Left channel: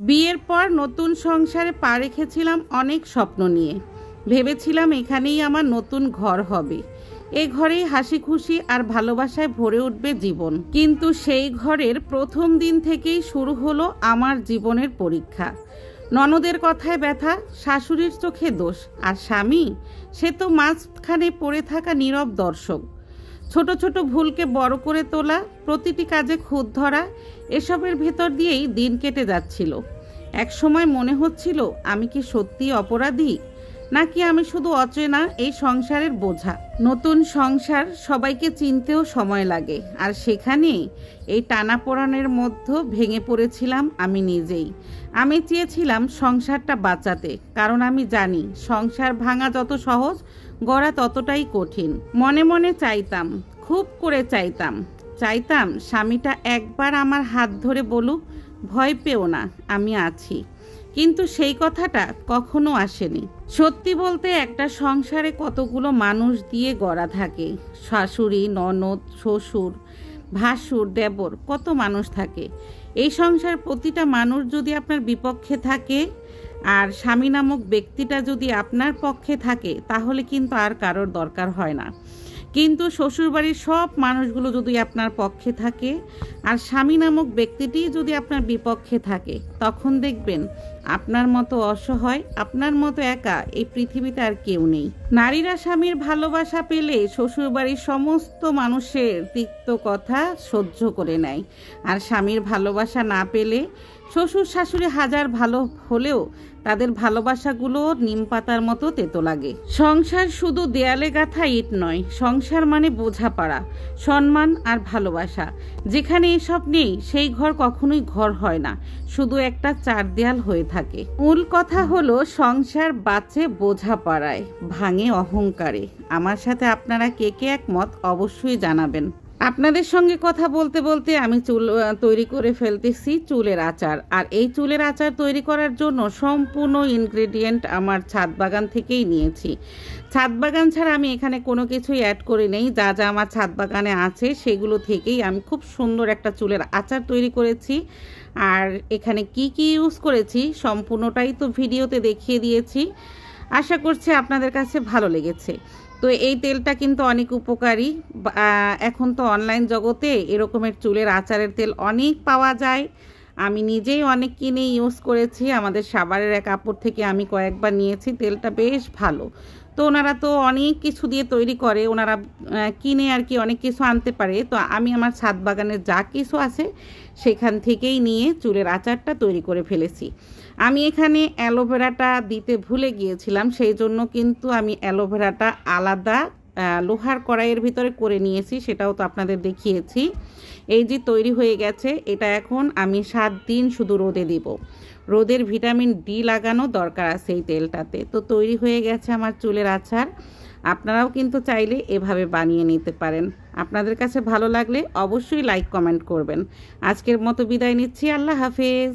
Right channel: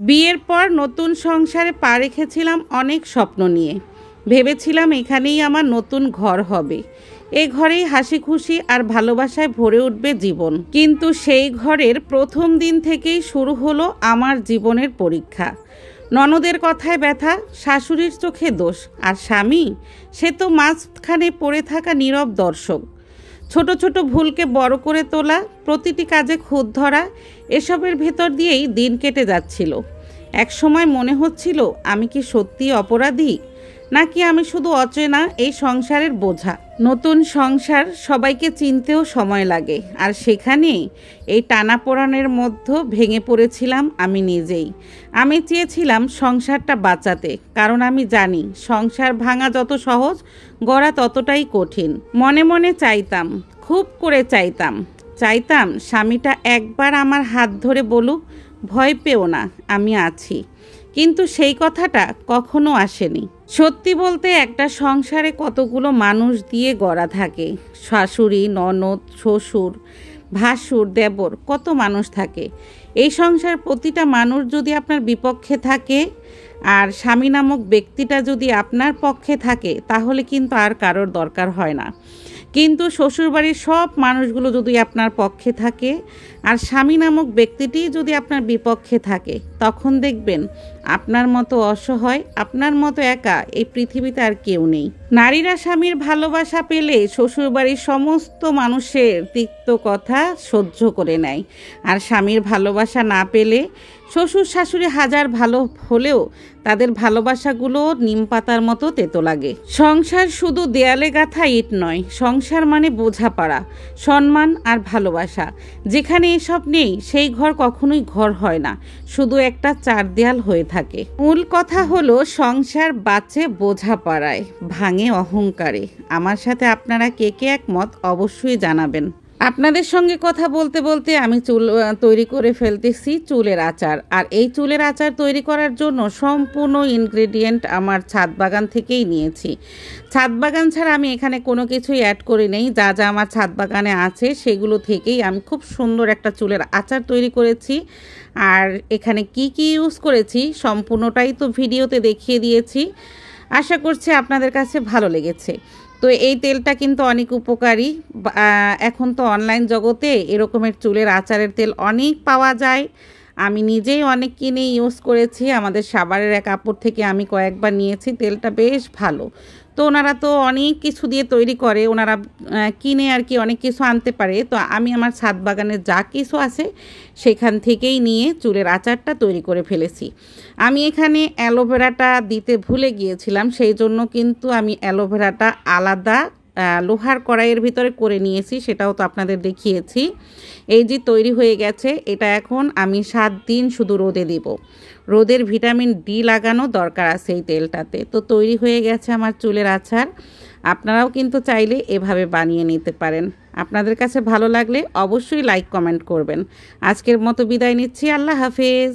বিয়ের পর নতুন সংসারে পা রেখেছিলাম অনেক স্বপ্ন নিয়ে। ভেবেছিলাম এখানেই আমার নতুন ঘর হবে, এ ঘরেই হাসি খুশি আর ভালোবাসায় ভরে উঠবে জীবন। কিন্তু সেই ঘরের প্রথম দিন থেকেই শুরু হলো আমার জীবনের পরীক্ষা। ননদের কথায় ব্যথা, শাশুড়ির চোখে দোষ, আর স্বামী সে তো মাঝখানে পড়ে থাকা নীরব দর্শক। ছোট ছোট ভুলকে বড় করে তোলা, প্রতিটি কাজে খুঁত ধরা, এসবের ভেতর দিয়েই দিন কেটে যাচ্ছিল। এক সময় মনে হচ্ছিল আমি কি সত্যি অপরাধী, নাকি আমি শুধু অচেনা এই সংসারের বোঝা। নতুন সংসার, সবাইকে চিনতেও সময় লাগে, আর সেখানে এই টানাপোড়েনের মধ্যে ভেঙে পড়েছিলাম আমি নিজেই। আমি চেয়েছিলাম সংসারটা বাঁচাতে, কারণ আমি জানি সংসার ভাঙা যত সহজ, গড়া ততটাই কঠিন। মনে মনে চাইতাম, খুব করে চাইতাম স্বামীটা একবার আমার হাত ধরে বলুক, ভয় পেও না, আমি আছি। কিন্তু সেই কথাটা কখনো আসেনি। সত্যি বলতে একটা সংসারে কতগুলো মানুষ দিয়ে গড়া থাকে। শাশুড়ি, ননদ, শ্বশুর, ভাসুর, দেবর, কত মানুষ থাকে। এই সংসার প্রতিটা মানুষ যদি আপনার বিপক্ষে থাকে, আর স্বামী নামক ব্যক্তিটা যদি আপনার পক্ষে থাকে, তাহলে কিন্তু আর কারোর দরকার হয় না। কিন্তু শ্বশুরবাড়ির সব মানুষগুলো যদি আপনার পক্ষে থাকে, আর স্বামী নামক ব্যক্তিটি যদি আপনার বিপক্ষে থাকে, তখন দেখবেন আপনার মতো অসহায়, আপনার মতো একা এই পৃথিবীতে আর কেউ নেই। নারীরা স্বামীর ভালোবাসা পেলে শ্বশুরবাড়ির সমস্ত মানুষের তিক্ত কথা সহ্য করে নেয়, আর স্বামীর ভালোবাসা না পেলে শ্বশুর শাশুড়ি হাজার ভালো হলেও তাদের ভালোবাসাগুলো নিম পাতার মতো তেতো লাগে। সংসার শুধু দেয়ালে গাঁথা ইট নয়, সংসার মানে বোঝাপড়া, সম্মান আর ভালোবাসা। যেখানে এসব নেই, সেই ঘর কখনোই ঘর হয় না, শুধু একটা চার দেয়াল হয়ে থাকে। মূল কথা হলো, সংসার বাঁচে বোঝাপড়ায়, ভাঙে অহংকারে। আমার সাথে আপনারা কে কে একমত অবশ্যই জানাবেন। আপনাদের সঙ্গে কথা বলতে বলতে আমি চুল তৈরি করে ফেলতেছি চুলের আচার। আর এই চুলের আচার তৈরি করার জন্য সম্পূর্ণ ইনগ্রেডিয়েন্ট আমার ছাদ বাগান থেকেই নিয়েছি। ছাদ বাগান ছাড়া আমি এখানে কোনো কিছুই অ্যাড করি নেই। যা যা আমার ছাদ বাগানে আছে সেগুলো থেকেই আমি খুব সুন্দর একটা চুলের আচার তৈরি করেছি। আর এখানে কি কি ইউজ করেছি সম্পূর্ণটাই তো ভিডিওতে দেখিয়ে দিয়েছি। আশা করছি আপনাদের কাছে ভালো লেগেছে। তো এই তেলটা কিন্তু অনেক উপকারী। এখন তো অনলাইন জগতে এরকমের চুলের আচারের তেল অনেক পাওয়া যায়। আমি নিজেই অনেক কিনে ইউজ করেছি। আমাদের সাভারের এক আপুর থেকে আমি কয়েকবার নিয়েছি, তেলটা বেশ ভালো। তো ওনারা তো অনেক কিছু দিয়ে তৈরি করে, ওনারা কিনে আর কি অনেক কিছু আনতে পারে। তো আমি আমার ছাদ বাগানের যা কিছু আছে সেখান থেকেই নিয়ে চুলের আচারটা তৈরি করে ফেলেছি। আমি এখানে অ্যালোভেরাটা দিতে ভুলে গিয়েছিলাম, সেই জন্য কিন্তু আমি অ্যালোভেরাটা আলাদা লোহার কড়াইয়ের ভিতরে করে নিয়েছি, সেটাও তো আপনাদের দেখিয়েছি। এই যে তৈরি হয়ে গেছে, এটা এখন আমি 7 দিন শুধু রোদে দিব। রোদের ভিটামিন ডি লাগানো দরকার আছে এই তেলটাতে। তো তৈরি হয়ে গেছে আমার চুলের আচার। আপনারাও কিন্তু চাইলে এভাবে বানিয়ে নিতে পারেন। আপনাদের কাছে ভালো লাগলে অবশ্যই লাইক কমেন্ট করবেন। আজকের মতো বিদায় নিচ্ছি, আল্লাহ হাফেজ।